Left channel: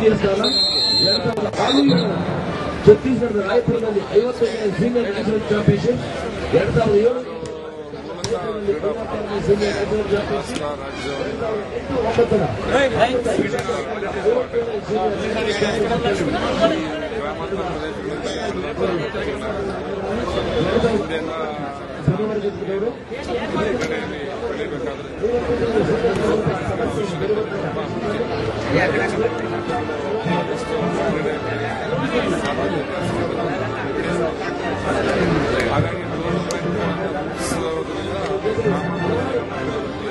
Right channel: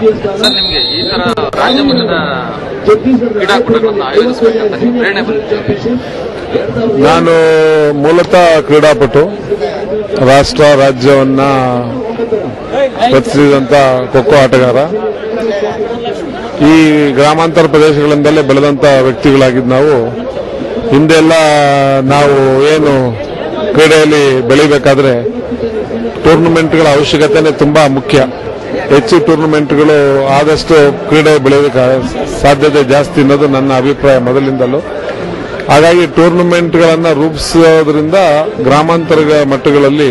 Sir, ನಿಮಗೆ ಈ ತರ ರಾಜ್ಯ ಮಟ್ಟದ ಕ್ರೀಡಾಕೂಟಗಳನ್ನು ಆಯೋಜಿಸಬೇಕಂತ ಪ್ರೇರಣೆ ಬಂದಿದೆ? ನಾನು ಮೂಲತಃ ಕ್ರೀಡಾಪಟು, ರಾಷ್ಟ್ರ ರಾಜ್ಯವನ್ನ ರಚಿಸಿದಂತ ಖೋಖೋ ಆಟಗಾರ. ಈ ಗ್ರಾಮಾಂತರ ಪ್ರದೇಶಗಳಿಂದಲೇ ಬೆಳೆದಂತ ವ್ಯಕ್ತಿಗಳಾಗಿದ್ದು ನಾವು. ಹಿಂದೆಲ್ಲ ನಾವು ಏನು ಕ್ರೀಡೆಯಲ್ಲಿ ಬೆಳಿಬೇಕಾದ್ರೆ ಟೂರ್ನಮೆಂಟ್ಗಳ ಅವಶ್ಯಕತೆನೇ ತುಂಬಾ ಮುಖ್ಯ. ಹೆಚ್ಚು ಟೂರ್ನಮೆಂಟ್ಗಳು ಆದಷ್ಟು ಕ್ರೀಡೆ ಬೆಳೆಯೋದಕ್ಕೆ ಸಾಧ್ಯತೆ ಜಾಸ್ತಿ ಅನ್ನೋದು ನನ್ನ ಅಭಿಪ್ರಾಯ ಮೊದಲಿಂದಲೂ. ಹಾಗಾಗಿ ಟೂರ್ನಮೆಂಟ್ಗಳನ್ನು ರೂಪಿಸೋದ್ರಿಂದ ಗ್ರಾಮಾಂತರ ಮಟ್ಟಗಳಲ್ಲಿ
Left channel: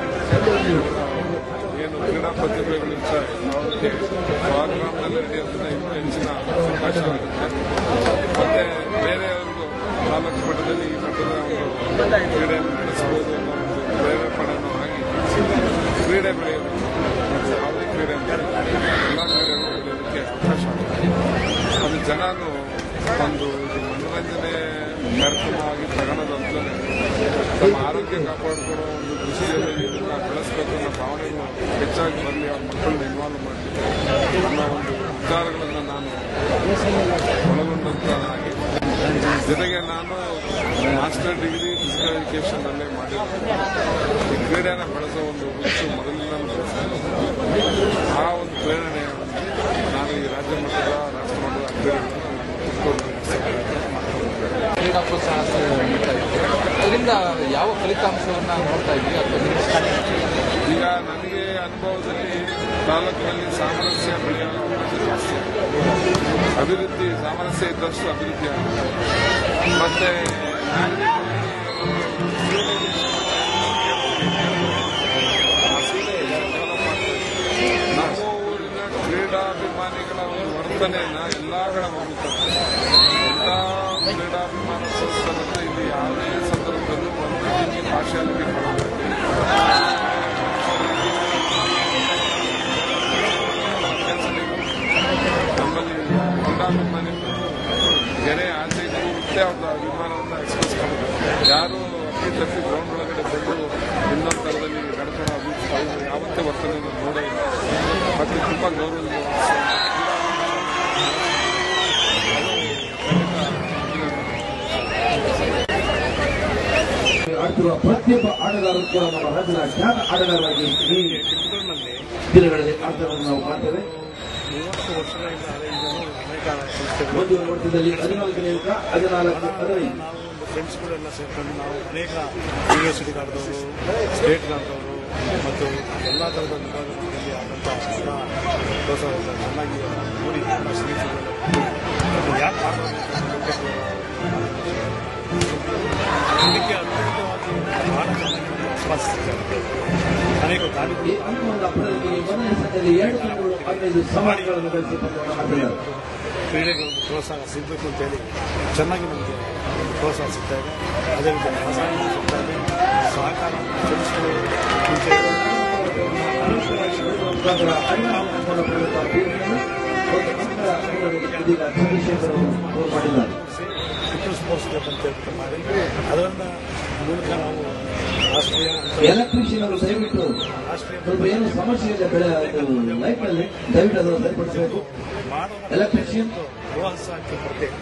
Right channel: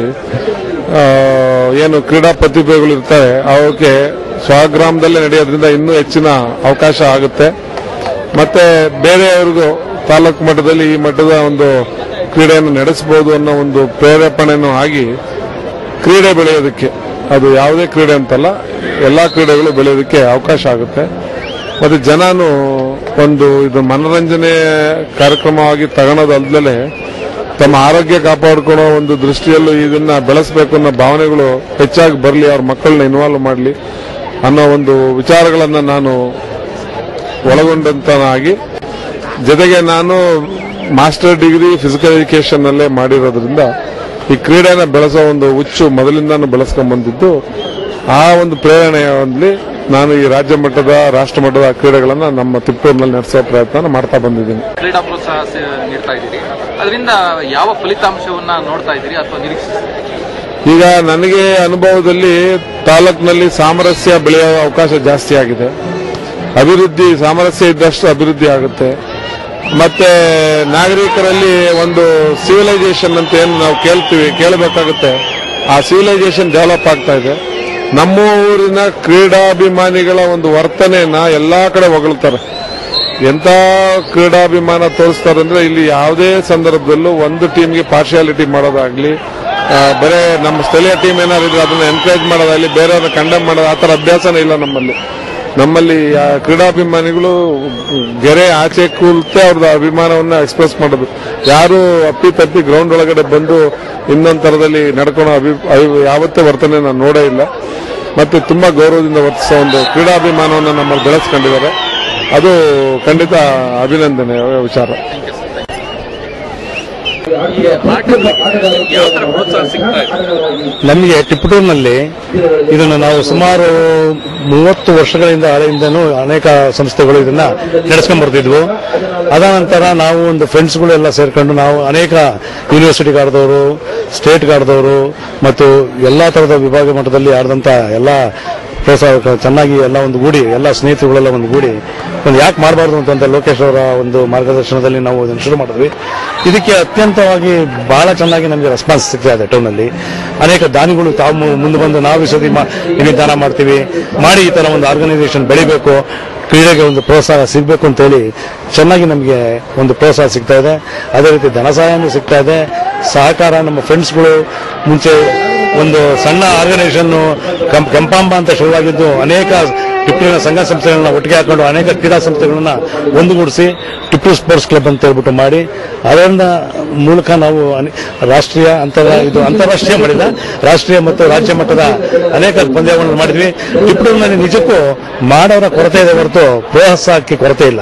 ಏನು ಕ್ರೀಡಾ ಪ್ರತಿಭೆಗಳು ಇರ್ತಾರೆ ಅವಕ್ಕೆ ಸ್ವಗ್ರಾಮದಲ್ಲೇ ನಡೆಯೋದ್ರಿಂದ ಇನ್ನೂ ಹೆಚ್ಚಿನ ಅವಕಾಶ ಆಗುತ್ತೆ. ಮತ್ತೆ ಬೇರೆಯವ್ರಿಗೂ ತಾಲೂಕು ಮಟ್ಟದಲ್ಲಿ ಈ ಮಟ್ಟದ ಒಂದು ಕ್ರೀಡೆಯನ್ನು ನಡೆಸಬಹುದು ಅನ್ನೋ ಒಂದು ಪ್ರೇರೇಪಣೆನೂ ಆಗಿ ಕ್ರೀಡೆ ಬೆಳೆಯೋದಕ್ಕೆ, ಅದು ಯಾವುದೇ ಕ್ರೀಡೆ ಅಂತಲ್ಲ, ಎಲ್ಲಾ ಕ್ರೀಡೆಗಳು ಬೆಳೆಯೋದಕ್ಕೆ ಅವಕಾಶ ಆಗುತ್ತೆ. ಮತ್ತೆ ಜನನು ಒಂದು ಇದು ಮನೋರಂಜನೆ ಕಾರ್ಯಕ್ರಮವಾಗಿ ತಗೊಳೋದಲ್ದಲೆ ತಮ್ಮ ಆರೋಗ್ಯ ಕಾಪಾಡಿಕೊಳ್ಳೋ ಒಂದು ದೃಷ್ಟಿಯಲ್ಲೂ ಇದನ್ನ ಬೆಳೆಸಬೇಕು ಅನ್ನೋ ಭಾವನೆಗಳು ಹೆಚ್ಚಾಗಿ ಬರಲಿ, ಅವ್ರ ಮಕ್ಕಳನ್ನ ಇನ್ವಾಲ್ವ್ ಮಾಡಲಿ ಅನ್ನೋ ಒಂದು ವಿಚಾರಗಳನ್ನ ನಾನು ಒಳಗೊಂಡಂತನಾಗಿ, ಜೊತೆಗೆ ನಾನು ಮಾಸ್ಟರ್ ಡಿಗ್ರಿ ಫಿಸಿಕಲ್ ಎಜುಕೇಶನ್ ನಲ್ಲೇ ಮಾಡಿರೋದ್ರಿಂದ ಈ ಕ್ರೀಡೆನ ಬೆಳೆಸೋ ಒಂದು ಹುಚ್ಚು ಮೊದಲಿಂದಾನು ಬೆಳೆಸ್ಕೊಂಡ್ ಬಂದಿದ್ದು. ಆ ಒಂದು ಪ್ರೇರಣೆಯಲ್ಲಿ ನಾನು ಈ ರಾಜ್ಯ ಮಟ್ಟದ ರಾಷ್ಟ್ರ ಮಟ್ಟದ ಕ್ರೀಡೆಗಳನ್ನ ನಮ್ಮ ತಿಪ್ಪೂರಿನಲ್ಲಿ ನಡೆಸೋ ಪ್ರಯತ್ನ ಮಾಡ್ತಾ ಬಂದಿದ್ದೀನಿ. ಕ್ರೀಡಾ ಪ್ರೋತ್ಸಾಹ ನೀಡ್ತಾ ಇದ್ದೀರಿ, ಅದರಿಂದ ಯಾವ ಫಲಿತಾಂಶವನ್ನ ನೋಡ್ತಾ ಇದ್ದೀರಿ ಅಥವಾ ನಿರೀಕ್ಷಿಸ್ತೀರಿ? ಈಗ ನನಗೆ ಅನುಭವದಲ್ಲಿ ತಾಲೂಕಿನಲ್ಲಿ ಸಾಮರಸ್ಯ ಬೆಳೆಯುವ ಅವಕಾಶ ಜಾಸ್ತಿ ಆಗಿದೆ. ಅಭಿವೃದ್ಧಿ, ಸಾಮರಸ್ಯ ಇದ್ದಷ್ಟು ಅಭಿವೃದ್ಧಿ ಆಗುತ್ತೆ. ಮತ್ತೆ ನಾಗರಿಕರಲ್ಲಿ ಒಂದು ಸಿವಿಲೈಸೇಷನ್ ಅಂತ ಏನು ನಾವು ಕೇಳಬೇಕಾಗುತ್ತೆ, ಆ ಸಿವಿಲೈಸೇಷನ್ ಡೆವಲಪ್ ಆಗ್ತಾ ಇದೆ. ನಮ್ಮ ಊರಿನ ಕ್ರೀಡಾಭಿಮಾನಿಗಳ ಒಂದು ವರ್ತನೆಯನ್ನ ಎಲ್ಲಾ ಕಡೆ ಹೊಗಳ್ತಾರೆ. ಎಂತ ಕ್ರೀಡಾಭಿಮಾನ ತೋರಿಸ್ತಾರೆ ಅಂದ್ರೆ ಇಲ್ಲಿ ಯಾವುದೇ ಸಂದರ್ಭದಲ್ಲೂ ಒಂದು ಟೀಮ್ಗೆ ಪಾರ್ಶಿಯಾಲಿಟಿ ಮಾಡೋದಾಗ್ಲಿ, ಬರೇ ನಮ್ಮ ಸ್ಥಳೀಯ ಟೀಮ್ ಏನಾದ್ರು ಇದ್ರೆ ಅದನ್ನ ಎನ್ಕರೇಜ್ ಮಾಡೋದಾಗ್ಲಿ, ಬೇರೆಯವ್ರನ್ನ ಕಂಡೆಮ್ ಮಾಡೋದು ಆ ಥರ ಅಭ್ಯಾಸನೇ ಇಲ್ಲ ನಮ್ಮಲ್ಲಿ ಕ್ರೀಡಾಭಿಮಾನಿಗಳು ಗೆರೆ ಆಚೆ ಕೂlte ಅವ್ರದ್ದು ಅಭಿಮಾನವನ್ನ ಎಕ್ಸ್ಪ್ರೆಸ್ ಮಾಡೋದು. ಯಾರು ಅಪ್ಪಿ ಗ್ರೌಂಡ್ ಒಳಗಡೆ ಬಂದು ಇನ್ನೊಂದು ತರದಲ್ಲಿ ನಡ್ಕೊಳ್ಳೋ ಯಾವತ್ತೇ ವರ್ತನೆ ನಾನು ನೋಡೇ ಇಲ್ಲ. ಮತ್ತೆ ತುಂಬಾ ಗೌರವದಿಂದ ವರ್ತಿಸೋ ಒಂದು ಕ್ರೀಡಾಭಿಮಾನವನ್ನು ನಮ್ಮಲ್ಲಿ ಬೆಳೆಸ್ಕೊಂಡಿದ್ದಾರೆ. ಅದು ಖಂಡಿತ ಅಭಿನಂದನೆ ವಿಚಾರ. ನಮಗೆ ತಿಪಟೂರಿನಲ್ಲಿ ಇದನ್ನು ನಾವು ಸುಮಾರು 30 ವರ್ಷಗಳಿಂದ ಹಳೆಯಿಂದನೂ ಅನೇಕ ಸಂಸ್ಥೆಗಳು ಇದನ್ನ ನಡೆಸ್ಕೊಂಡ್ ಬರ್ತಿದ್ವು. ಅದಾನಂತರ ನಾವು ಒಂದು ಫ್ರೆಂಡ್ಸ್ಗಳು ಎಲ್ಲ ಸೇರ್ಕೊಂಡು ನಾವು ಅನೇಕ ಯೂನಿವರ್ಸಿಟಿಗೆ ಆಡಿದವರು, ಸ್ಟೇಟ್ಗೆ ಆಡಿದವರು ಮತ್ತು ಎಲ್ಲಾ ತರದ ವಿಭಾಗ ಮಟ್ಟದಲ್ಲಿ ಆಡಿದಂತ ಎಲ್ಲ ಪ್ರೋತ್ಸಾಹ ಚೆನ್ನಾಗಿ ಎಲ್ಲ ಒಂದು ಗೂಡಿ, ಎಲ್ಲ ಸ್ನೇಹಿತರುಗಳೆಲ್ಲ ಒಂದು ಗೂಡಿ ಒಂದು ಯಾಕೆ ಮಾಡಬಾರ್ದು ಅಂತ ಲೋಕೇಶ್ ಅವರ ಒಂದು ಮಾರ್ಗದರ್ಶನದಲ್ಲಿ ನಾವು ಇದನ್ನು ಶುರು ಮಾಡಿದ್ವಿ. ಇದಕ್ಕೆ ಅತ್ಯಂತವಾಗಿ ಬಹಳ ಚೆನ್ನಾಗಿ ನಮಗೆ ರೆಸ್ಪಾನ್ಸ್ ಸಿಗ್ತಾ ಇದೆ. ಟೌನಲ್ಲಿ ಅನೇಕ ದಾನಿಗಳು ತಾವು ಮುಂದೆ ಬಂದು ನಾವು ಈ ದಾನ ಮಾಡ್ತೀವಿ ಮಾಡಿ ಈ ತರ ಒಂದು ಆರ್ಗನೈಸೇಷನ್ ಬೆಳಿಬೇಕು, ಕ್ರೀಡೆಗೆ ಒಂದು ಪ್ರೋತ್ಸಾಹ ಸಿಗಬೇಕು ಅಂತೇಳಿ ಚೆನ್ನಾಗಿ ನಮಗೆ ಒಂದು ಪ್ರೋತ್ಸಾಹ ಸಿಗ್ತಾ ಇದೆ. ಅದೇ ರೀತಿ ಧನ ಸಹಾಯನೂ ಸಿಗ್ತಾ ಇದೆ. ಸಹಕಾರ ನಮ್ಮ ಫ್ರೆಂಡ್ಸ್ಗಳು ಮುಂಚೆ ಒಂದು ಸಣ್ಣ ಆರ್ಗನೈಸೇಷನ್ ಕಂಪಾಂಬ ಅಂತ ಶುರುವಾಗಿದ್ದು ಅನೇಕ ಟಿಪ್ಪೂರಿನ ಸಂಘ ಸಂಸ್ಥೆಗಳನ್ನ ಒಟ್ಟಿಗೆ ಹಾಕೊಂಡು ಅನೇಕ ಕ್ರೀಡಾ ಸಂಸ್ಥೆಗಳನ್ನ ಒಂದುಗೂಡಿಸಿ ಟಿಪ್ಪು ಸ್ಪೋರ್ಟ್ಸ್ ಕ್ಲಬ್ ಅಂತ ಹೇಳ್ಬಿಟ್ಟು ಮಾಡಿ ಅದರಿಂದ ಮೂಲಕ ನಾವು ರಾಷ್ಟ್ರೀಯ ಅಂತಾರಾಷ್ಟ್ರೀಯ ಮಾಡಿದ ರಾಷ್ಟ್ರೀಯ ಮತ್ತು ರಾಜ್ಯ ಮಟ್ಟದ ಅನೇಕ ಪಂದ್ಯಗಳನ್ನು ಮಾಡಿದ್ವಿ. ಟಿಪ್ಪೂರಿನಲ್ಲಿ ನಿಜಕ್ಕೂ ಮಾಡೋರ ಕೊರತೆ ಇದೆ ಹೊರತು ಪ್ರೋತ್ಸಾಹಕ್ಕೆ ಕೊರತೆ ಇಲ್ಲ.